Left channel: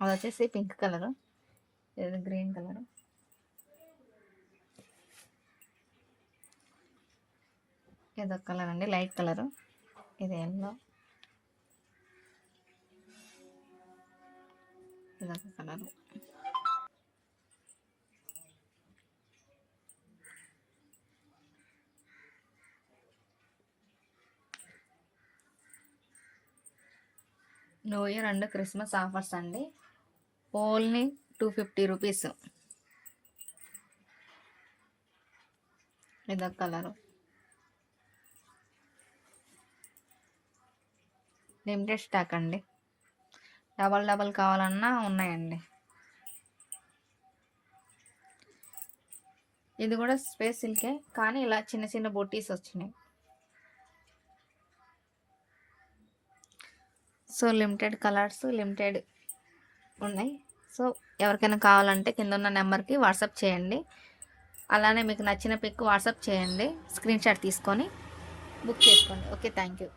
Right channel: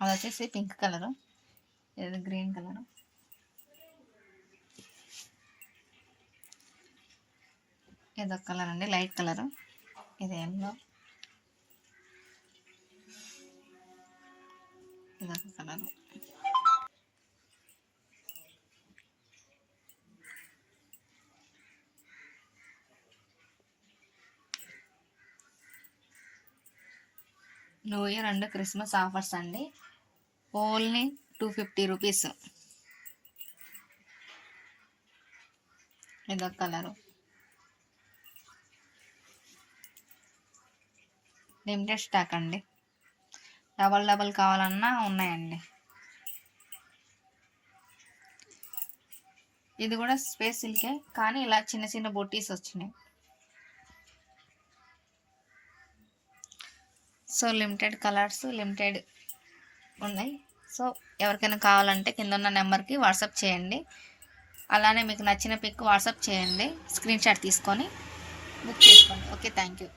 అది వచ్చేసి pink colour, ఇది గ్రీన్ కలరు, ఇదొక కలర్ అండి లైట్ కలరు, ఇది ఎల్లో, ఇదొక colour. New year and Christmas offers అండి, ఓన్లీ 250 రూపీస్. ఇదొక కలరు, లిమిటెడ్ స్టాక్ అండి, డబల్ కావాలన్నా ఉన్నాయండి. ఇది కూడా స్పేస్ సిల్కే కానీ ఇలా చిన్న చిన్న బొట్టీస్ వచ్చినాయి. సో లిమిటెడ్ కలర్స్ లిమిటెడ్ ఉన్నాయి. సో ఎవరికైనా కావాలంటే కింద ఉన్న నెంబర్కి వాట్సాప్ చేయండి. అలానే మీకు నచ్చిన పిక్ వాట్సాప్ చేయండి, స్క్రీన్ షాట్ తీసుకొని బుక్ చేసుకోండి. Okay, thank you.